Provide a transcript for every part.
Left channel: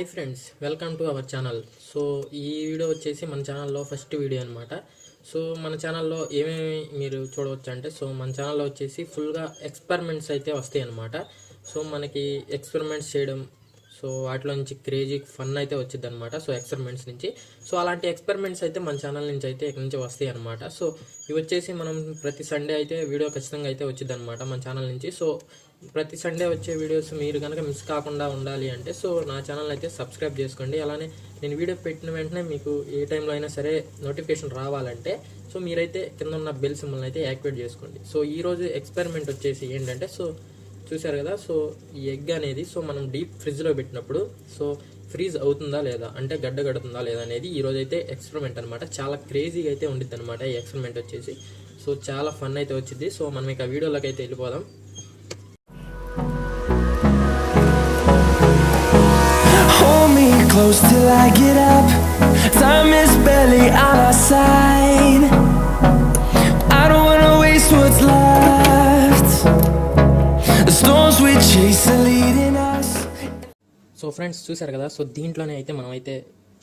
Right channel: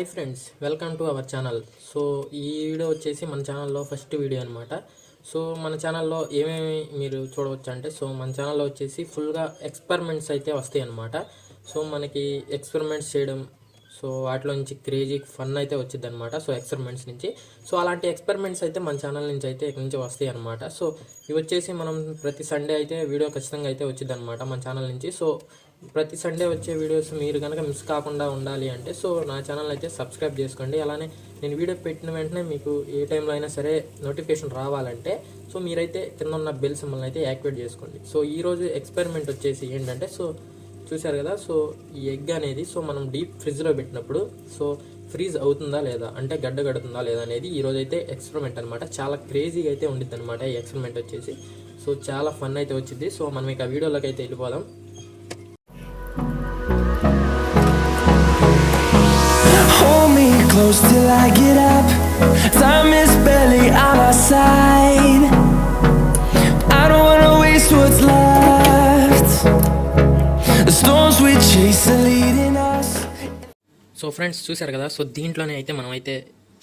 Hi friends, welcome to our channel. So ఈ video వచ్చేసి మన ఛానల్లో ఫస్ట్ వీడియో అనమాట. సో మన ఛానల్లో ఏమేమి మీరు చూడవచ్చు అంటే, సో మన ఛానల్లో వచ్చేసి ఫుల్గా ఎక్స్పెరిమెంట్స్ అయితే వస్తాయి అనమాట. సో మనకి ఎక్స్పెరిమెంట్స్ చేయడం, సో వాటిలో నుంచి క్రేజీ ఫన్ అయితే వచ్చింది అనమాట. సో ఎక్స్పెరిమెంట్స్ నుంచి సో అలాంటి ఎక్స్పెరిమెంట్స్ అయితే మన ఛానల్ నుంచి అయితే ఇక్కడ నుంచి వస్తాయి అనమాట. సో ఇవి వచ్చేసి మనం ప్రతి సండే అయితే వీడియో ఖచ్చితంగా అయితే వచ్చింది అనమాట మన ఛానల్ నుంచి. సో ప్రతి సండే వచ్చే వీడియోస్ మీరు కనుక మిస్ కాకుండా ఉండాలి అంటే సో నా ఛానల్ అయితే సబ్స్క్రైబ్ చేసుకోండి. అలానే నేను వీడియో పెట్టిన వెంటనే మీకు ఏ టైంలో అయినా సరే నోటిఫికేషన్ రావాలంటే సో మీరైతే కింద ఉన్న బెల్ సింబల్ని అయితే యాక్టివేట్ చేసుకోండి. సో ఈరోజు ఎక్స్పెరిమెంట్ వచ్చేసి ఏంటంటే, సో చూసారు కదా, సో ఈ ఎగ్ అనేది సో మనం డీప్ ఫ్రిడ్జ్లో పెట్టినప్పుడు సో ఫ్రీజ్ అవుతుందా లేదా, అంటే గడ్డ కడుతుందా లేదా అనేది ఈరోజు అయితే ఎక్స్పెరిమెంట్ అనమాట. చాలా క్రేజీగా అయితే ఉండిద్ది అనమాట ఈ ఎక్స్పెరిమెంట్ వచ్చేసి. సో చాలా ఫన్ అయితే వచ్చింది. సో మనం ఇక వీడియోలోకి అయితే వెళ్ళిపోదాం. Close till I get up. Time is barely on our side. I don't wanna waste what's left. The storms we chase are leading us. So friends చూసారు కదా, సో దీంట్లోనే అయితే మనం అయితే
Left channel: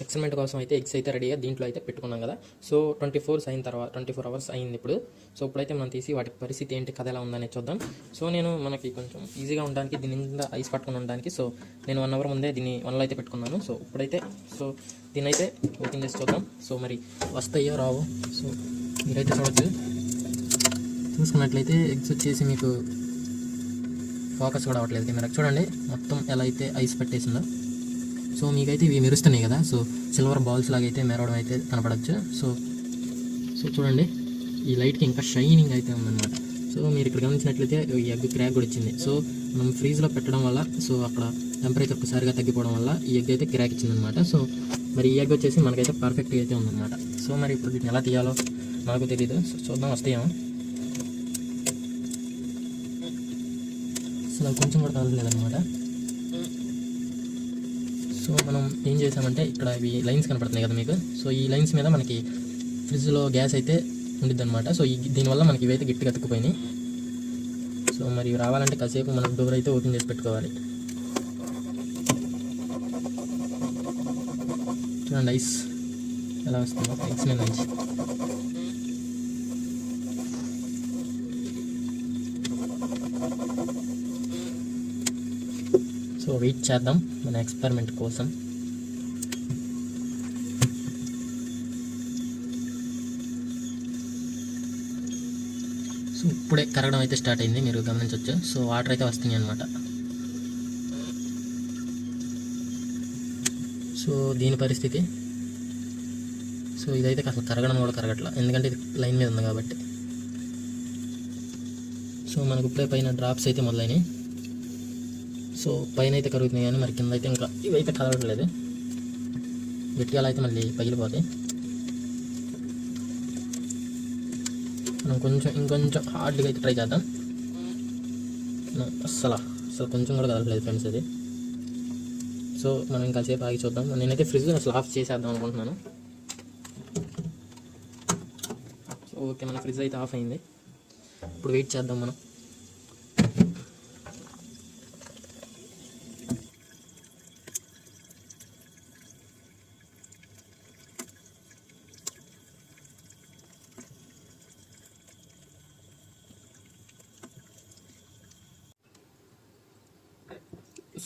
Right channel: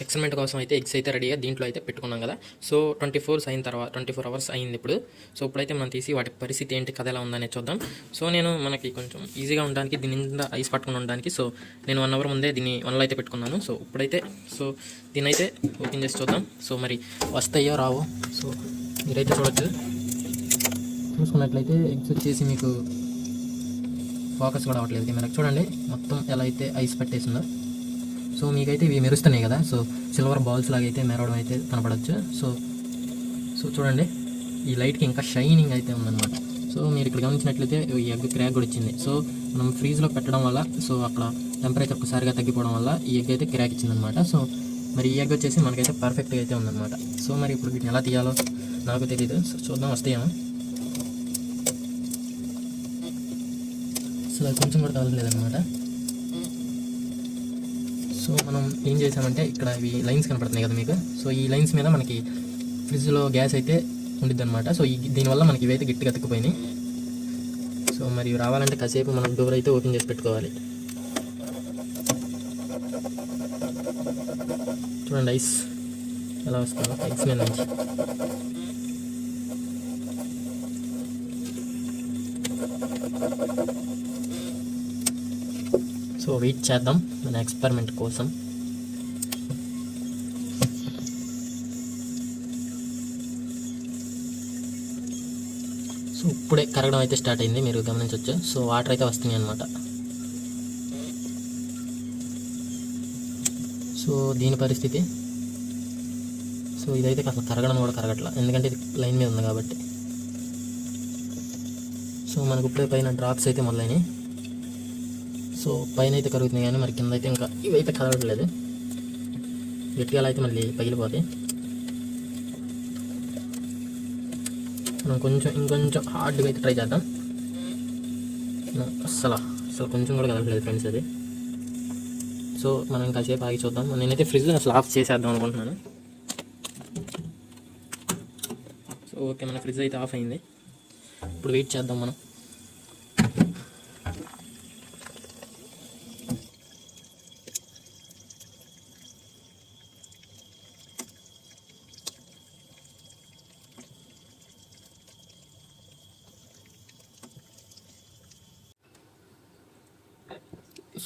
ఎక్స్పెరిమెంట్ కోసం అయితే ఎగ్స్ అయితే రెడీగా దీంట్లో అయితే పెట్టుకున్నాం కదా. సో 24 అవర్స్ అయింది ఇప్పుడు. సో ఇప్పుడైతే మనం తీసి వాటి పరిస్థితి ఏంటి, కథ ఎలా ఉందనే చూద్దాం. సో నేను మనకి కొంచెం ఈజీగా ఉండడానికి దీని నిండా ఐస్ పట్టుకుని ఉండడానికి సో నేను 1 అవర్ ముందే దీన్ని వన్లో అయితే పెట్టుకున్నాను. సో ఇప్పుడైతే సో దీన్ని అయితే ఓపెన్ చేసి చూద్దాం. సో మరి వస్తాయో రావు. సో మీరైతే చూసుకున్నట్లయితే ఎగ్స్ వచ్చేసి మీకు ఫోకస్ కూడా అవ్వట్లేదు కెమెరా. చూడండి మొత్తం ఎలా అయితే ఐస్ పెట్టేసిందో. సో మీకైతే ఇవి మెరుస్తున్నాయి కదా, సో సిల్వర్ బౌల్స్ లాగా అయితే మెరవడం అయితే కనపడవచ్చు. సో చూడండి ఈ లైట్కి ఇంకా షైనింగ్ అయితే ఉందన్నమాట. సో మీరు ఇక్కడ గమనించినట్లయితే ఈ ఎగ్ క్రాక్ కూడా వచ్చింది. సో మనం ఫ్రీజ్లో పెట్టడం వల్ల సో అక్కడ టెంపరేచర్ ఒకసారిగా తగ్గిపోవడం వల్ల ఈ ఎగ్ అయితే క్రాక్ ఇచ్చిందనమాట. సో మరి ఈ ఎగ్ వచ్చేసి మనకైతే పర్ఫెక్ట్గా అయితే ఉందన్నమాట. సో మరి ఇప్పుడు వీటిని ఎలా తీయాలో నాకు తెలియదు. సో చూద్దాం వస్తాయేమో. అసలు కొంచెం కూడా కదలలేదన్నమాట. సో మనం ఏం చేసామంటే ఇక్కడ ఇవి లైన్స్ కనపడుతున్నాయి కదా మీకు. సో ఈ లైన్స్ మీద మనకి ఫ్రిడ్జ్లో గ్యాస్ అయితే ఉండిద్ది అనమాట. సో దీనివల్ల మనకి ఇవైతే గట్టిగా అతుక్కుపోయినాయి. సో మరి రావాలంటే కాసేపు మనం డోర్ అయితే ఓపెన్ చేసి పెట్టుకోవాలి. చూడండి ఐస్ ఎలా వస్తుందో ఐస్ మీద నుంచి. సో వెయిట్ చేద్దాం మన ఎక్స్పెరిమెంట్ కోసం. సో ఇప్పుడే కరగడం అయితే స్టార్ట్ అయింది, మీరు గమనించవచ్చు. సో వాటర్ అయితే వస్తున్నాయి అనమాట. సో దీని పరిస్థితి సో ఇదైతే కాస్త కరగడం కూడా కరగట్లా, ఎందుకంటే ఇది లైన్ మీద ఉంది కాబట్టి. సో మనకు ఇప్పుడే పైన డ్రాప్స్ అయితే మొదలైనాయి. సో పైన అయితే కరుగుతుంది కానీ మరి కింద అయితే ఇంకా ఇవైతే కరగడం లేదు. గట్టిగా అయితే మళ్ళీ పగిలిపోతాయి. మనం ఇంకొంచెం హార్డ్గా అయితే ట్రై చేద్దాం. అసలు కొంచెం కూడా కదలలేదు ఫ్రెండ్స్ అది. సో మనం ఇంకాసేపు ఆగి చూద్దాం. నేనైతే ఫ్రిడ్జ్ అసలు ఆఫ్ చేసేద్దాం అనుకుంటున్నాను. సో ఓకే, మన ఫ్రిడ్జ్ అయితే ఆఫ్ అయింది. ఇప్పుడు వెయిట్ చేద్దాం మనం.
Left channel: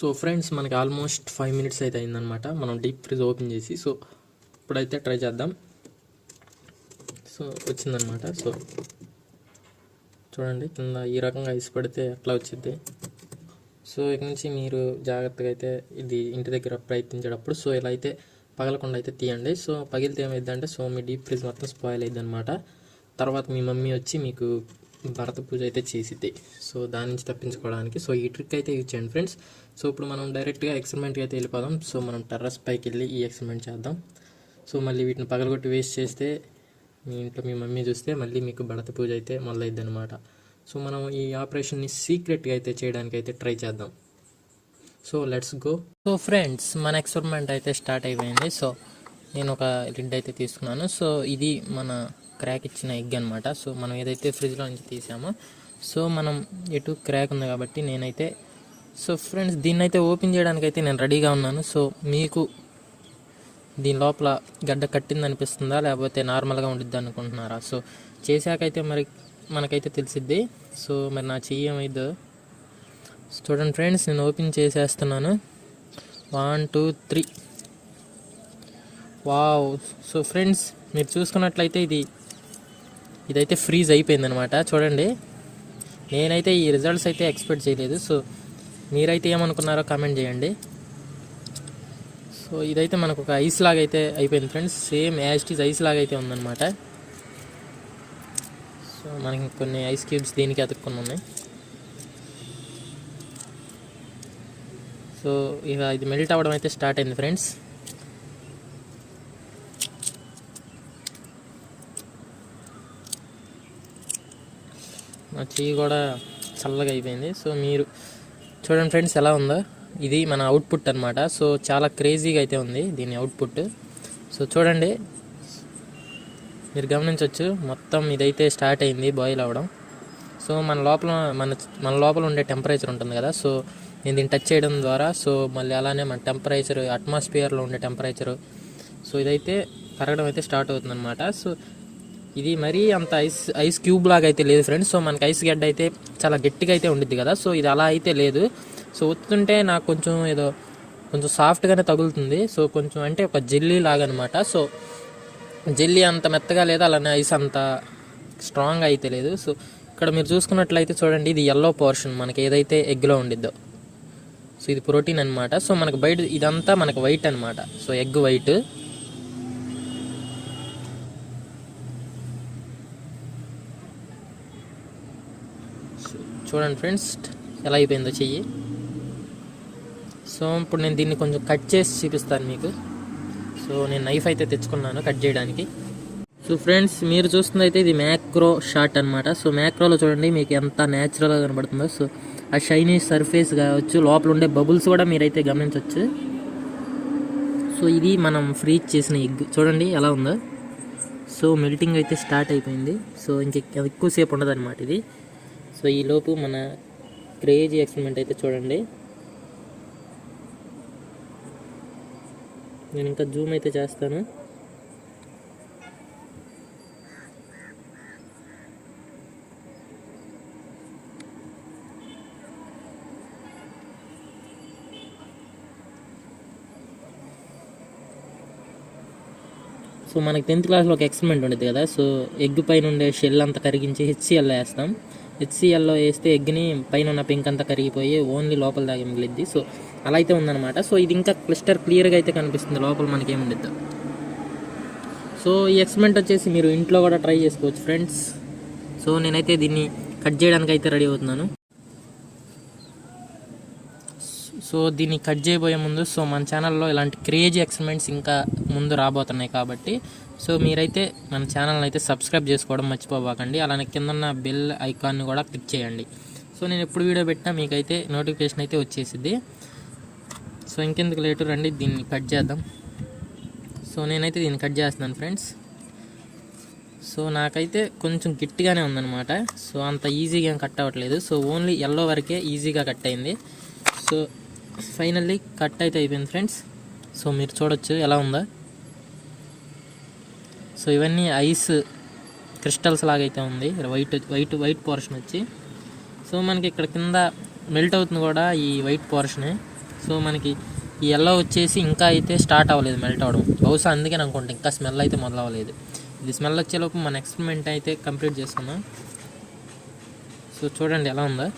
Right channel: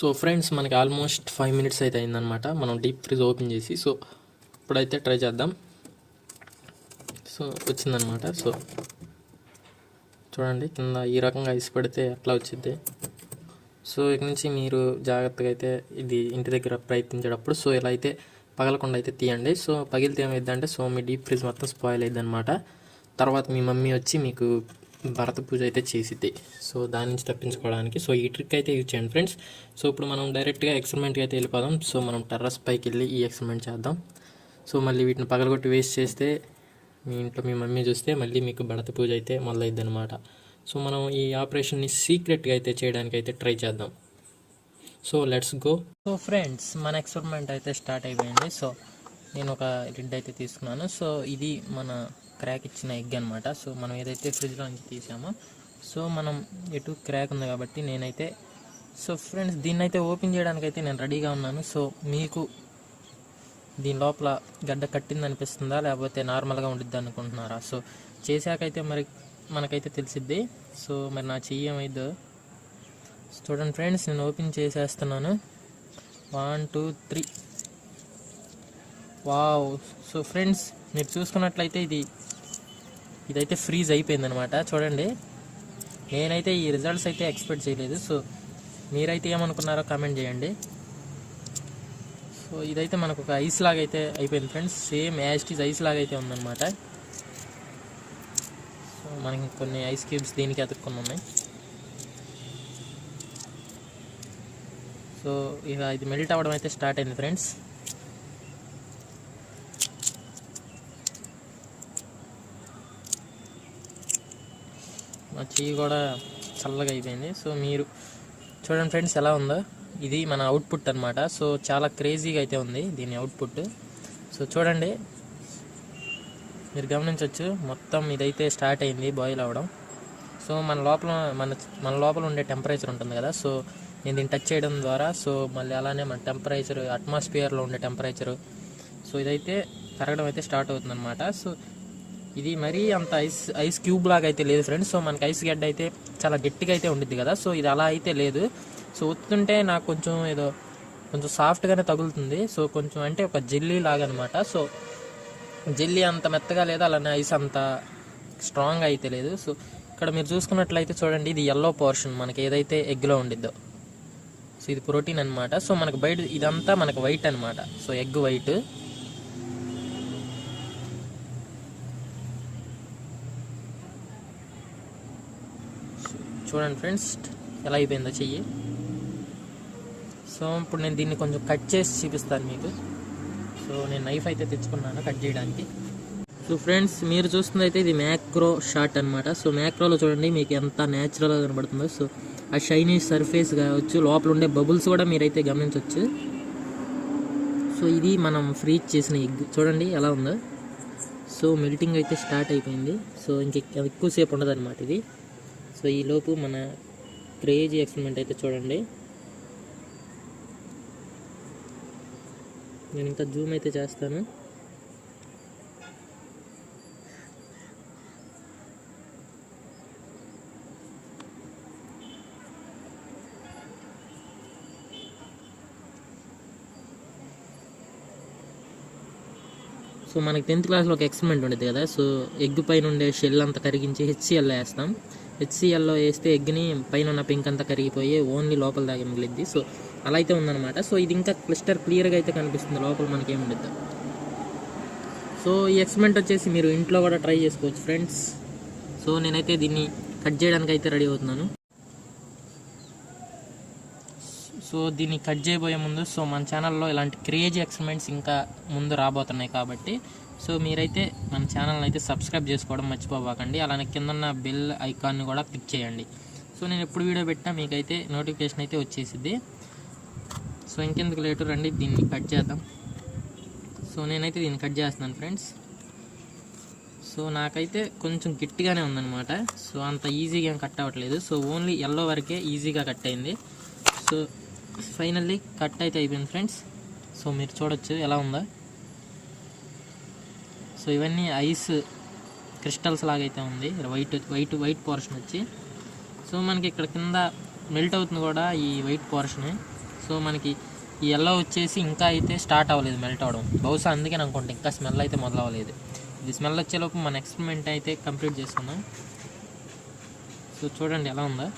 సో ఫ్రెండ్స్ మనకి ఆల్మోస్ట్ 5 minutes అయితే అయిందనమాట మనం డీప్ ఫ్రిడ్జ్ ఓపెన్ చేసి. సో ఇప్పుడైతే ట్రై చేద్దాం. సో వచ్చిందనమాట. సో చూడండి కింద ఈ రకంగా ఐస్ పెడితే అట్లా వచ్చింది. సో ఇక నుంచి మీరు జాగ్రత్తగా అయితే ఇది ఇంటి దగ్గర ప్రయత్నించేటప్పుడు సో ఇలా అయితే పగలకుండా అయితే తీయండి. సో పగిలితే ఏమైందంటే సో మీ డీప్ ఫ్రిడ్జ్ మొత్తం స్పాయిల్ అయింది అనమాట. తర్వాత మీ మమ్మీ వచ్చి మీకు భరత పూజ అయితే చేసిద్ది. సో దాని నుంచి తప్పించుకోవడానికి సో ఈ ట్రిక్ అయితే యూజ్ చేయండి ఫ్రెండ్స్. సో ఇప్పుడు మనం డైరెక్ట్గా ఎక్స్పెరిమెంట్కి అయితే వెళ్ళిపోదాం. సో మనం టెర్రస్ పైకి వెళ్ళి ఈ ఎక్స్పెరిమెంట్ చేద్దాం. సో మళ్ళీ వీటిని పగలగొట్టి వేస్ట్ చేస్తే మీ ఇంట్లో మీ మమ్మీ చూస్తే మళ్ళీ మీకు భరత పూజ అయితే మొదలైద్ది అనమాట. సో మనం ఈ ఆపరేషన్ని సీక్రెట్గా అయితే చేయడానికి అయితే ట్రై చేద్దాం. So let's go. So friends మన ఎక్స్పెరిమెంట్ అయితే స్టార్ట్ అయిపోయింది. సో నేను ఒక లిడ్ అయితే తీసుకున్నాను. సో ఇది మన క్రాక్ ఇచ్చిన ఎగ్ అనమాట. సో మనం ఏదైతే ఫ్రిడ్జ్లో నుంచి తీసామో సో మనం ఎటు క్రాక్ ఉంది కాబట్టి నేనైతే సో ఫ్రెండ్స్, దీన్ని అయితే ఓపెన్ చేయడానికి అయితే నేను రెడీగా ఉన్నాను. సో మీకు దీని లోపల గడ్డ కట్టింది అనిపిస్తుందా, లేకపోతే నార్మల్గా ఉండిద్ది అనుకుంటున్నారా? సో చేశాకైతే మరి మనకైతే తెలిసిద్ది. సో మరి నా చెయ్యి ఏమైందో చూడండి ఫ్రెండ్స్, నేను ఓపెన్ చేసేస్తున్నాను. 1 2 3. వావ్. సో ఫ్రెండ్స్, మీరు చూసుకున్నట్లయితే ఇదైతే ఫ్రీజ్ అయిపోయింది అనమాట. చూడండి, నేనైతే ఈ రిజల్ట్స్ అయితే ఎక్స్పెక్ట్ చేయలేదు. సో మీరైతే ఏమనుకున్నారో కామెంట్ చేయండి. సో ఇదైతే మనకు ఒక ఐస్ లాగా అయితే అయిపోయింది friends. Same as it is ice లాగా అయితే ఉందన్నమాట. సో మనకి కొన్ని ఐస్ క్యూబ్స్ దీనికి అతుక్కున్నాము. సో ఇక ఇది మెల్ట్ అవ్వడం అయితే స్టార్ట్ అయింది ఫ్రెండ్స్. మా చెయ్యి కూడా చల్లగా అయిపోయింది. సో మీరు చూడండి ఫ్రెండ్స్ ఎలా ఉందో. ఇది మన అవుట్పుట్ అనమాట. సో చాలా క్రేజీగా అయితే ఉంది దీని అవుట్పుట్. సో చూడండి, మీరు గమనించవచ్చు, మొత్తం ఇదైతే స్టార్ట్ అయింది బాయిల్ అవ్వడం. సో మన లోపల ఉండే టెంపరేచర్ ఉంటుంది కదా. సో నేను దీన్ని టచ్ చేయడం ద్వారా సో మళ్ళీ అలానే మన టెంపరేచర్, అట్మాస్ఫియర్లో ఉండే టెంపరేచరు, సో ఇదైతే పెరగడం అయితే స్టార్ట్ అవుతుంది అనమాట. సో ఇది మరీ అంత ఐస్ క్యూబ్ లాగా అయితే లేదు ఫ్రెండ్స్. సో మనకి ఐస్ గడ్డ అయితే చాలా గట్టిగా అయితే ఉండిద్ది కదా. సో ఇది అలా అయితే లేదు. సో ఒత్తుంటే నాకు కొంచెం సాఫ్ట్గానే తగులుతుంది. సో కొంచెం అంటే ఒక జెల్లీ లాగా అనమాట. సో జెల్లీ అంత మెత్తగా లేదు, అలానే ఐస్ అంత స్ట్రాంగ్ అయితే లేదు. సో ఇక్కడ మీరు చూసుకున్నట్లయితే చూడండి, ఇది ఎల్లో పోర్షన్ మనకి ఏదైతే ఎగ్లో ఉండిద్దో. సో ఇది ప్రోటీన్ అనమాట. సో మనకు బయట ఇదంతా మనకు వైట్ అనమాట. So egg white. చూడండి ఫ్రెండ్స్ ఎలా అయిపోయిందో చెయ్యి. సో ఇప్పుడు నేను దీన్ని కొంచెం కట్ చేసి చూపిస్తాను మీకు. సో నేను నైఫ్ అయితే తెచ్చుకున్నాను కట్ చేయడానికి. సో ఫ్రెండ్స్, మీరు చూస్తుంది అయితే ఇది మ్యాక్రో షాట్ అనమాట. సో మ్యాక్రోలో చూడండి మీకు ఎంత న్యాచురల్గా కనబడుతుందో. సో ఆ షైనీ సర్ఫేస్ కావచ్చు, లోపల ఉండే బబుల్స్ కూడా మీరైతే గమనించవచ్చు. సో ఇది మనం ఫ్రీజ్ చేసిన ఎగ్ చూడండి ఎలా ఉందో. సో మెల్టింగ్ అయితే స్టార్ట్ అయిపోయింది. సో ఎక్కువసేపు ఉండదు అనమాట ఇది. సో ఈలోపు మన క్రేజీ ఎక్స్పెరిమెంట్ అయితే చూడండి. నేను ఇంకా జూమ్ అయితే చేస్తాను. సో మనకి 10th క్లాస్లో ఒక ఎక్స్పెరిమెంట్ ఉండేది కదా. సో ఎగ్ పైన ఉండే షెల్ అంతా కరిగించి హెచ్సిఎల్లో వేస్తాం. హెచ్సిఎల్లో వేస్తే ఎగ్ని పైన ఉన్న పింక్ అంతా కరిగిపోయి ఓన్లీ లోపల దాగి మిగిలిద్ది. సో అలా అయితే ఉందన్నమాట. సో ఇది ఇంకా క్లియర్గా అయితే కనిపిస్తుంది లోపల మనకి ఏముండిద్దా. సో ఈ ఎక్స్పెరిమెంట్ వచ్చేసి మీరు ఇంట్లో కూడా ట్రై చేసుకోవచ్చు ఫ్రెండ్స్. సో నేనైతే దీన్ని కట్ చేయడానికి అయితే రెడీ అవుతున్నాను. సో దీన్ని కట్ చేయబోయే ముందు సో మన ఛానల్లో ఇలాంటి క్రేజీ ఎక్స్పెరిమెంట్స్ ఇంకా ముందు రాబోతున్నాయి కాబట్టి సో మీరైతే మన ఛానల్ని అయితే సబ్స్క్రైబ్ చేసుకోవడం మర్చిపోబాకండి. అలానే కింద ఉన్న బెల్ ఐకాన్ని కూడా క్లిక్ చేయండి. సో నేను ఎప్పుడు వీడియో పెట్టినా మీకైతే నోటిఫికేషన్ అయితే వచ్చేసిద్ది. సో ఇంకెందుకు లేటర్ రండి దీన్ని కట్ చేద్దాం. సో నేనైతే దీన్ని కట్ చేస్తున్నాను ఫ్రెండ్స్. సో నాకైతే కొంచెం గట్టిగానే ఉందన్నమాట. సో అంత ఈజీగా కట్ అవ్వట్లేదు. సో ఓన్లీ ఎల్లో వరకే ఈజీగా కట్ అయింది. సో ఫైనల్లీ కట్ అయితే అయిపోయింది ఫ్రెండ్స్. సో మీరు చూడొచ్చు ఎలా ఉందా. సో ఇవన్నీ ఐస్ క్రిస్టల్స్ లాగైతే ఉంది, వైట్ పోర్షన్ వచ్చి. సో మనకి ఇక్కడ కింద మెల్ట్ అవుతుంది కూడా ఈ వైట్ పోర్షన్. సో మనకి ఈ ఎల్లో వచ్చేసి ఇంకా అయితే స్టార్ట్ అవ్వలేదు మెల్ట్ అవ్వడం. బహుశా అందుకే అనుకుంటా ఇంకా స్మెల్ అయితే మొదలవ్వలేదు. ఇది స్మెల్ వచ్చేలోపు మన ఎక్స్పెరిమెంట్ అయితే కంప్లీట్ చేసుకున్నాం. సో చూడండి ఎలా ఉందా.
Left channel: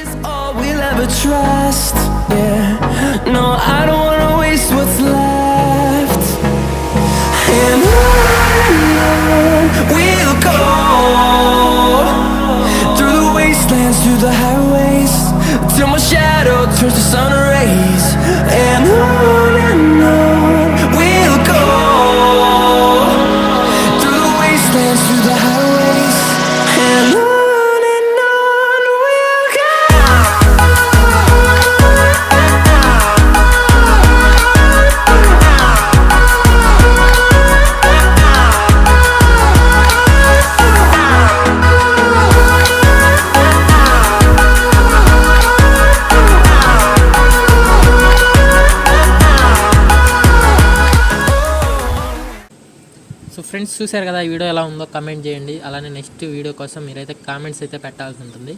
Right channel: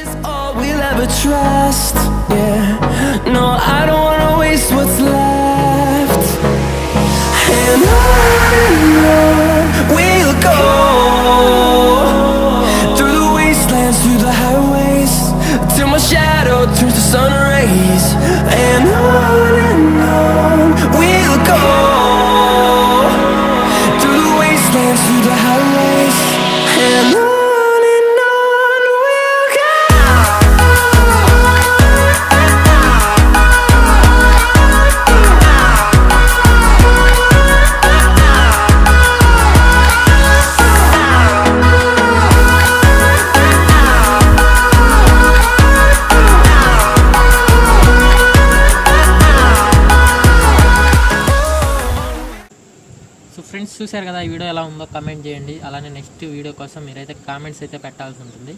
Is all we'll ever trust. Yeah, no, I don't wanna waste what's left. And on we'll go, through the wastelands, through the highways, till my shadow turns to sun rays. And on we'll go, through the wastelands, through the highways, and on. Friends చూశారు కదా ఈ video ఎలా ఉందో comment చేయండి. అలానే next video కోసం మీరైతే comments అయితే పెట్టాల్సి ఉంటుంది.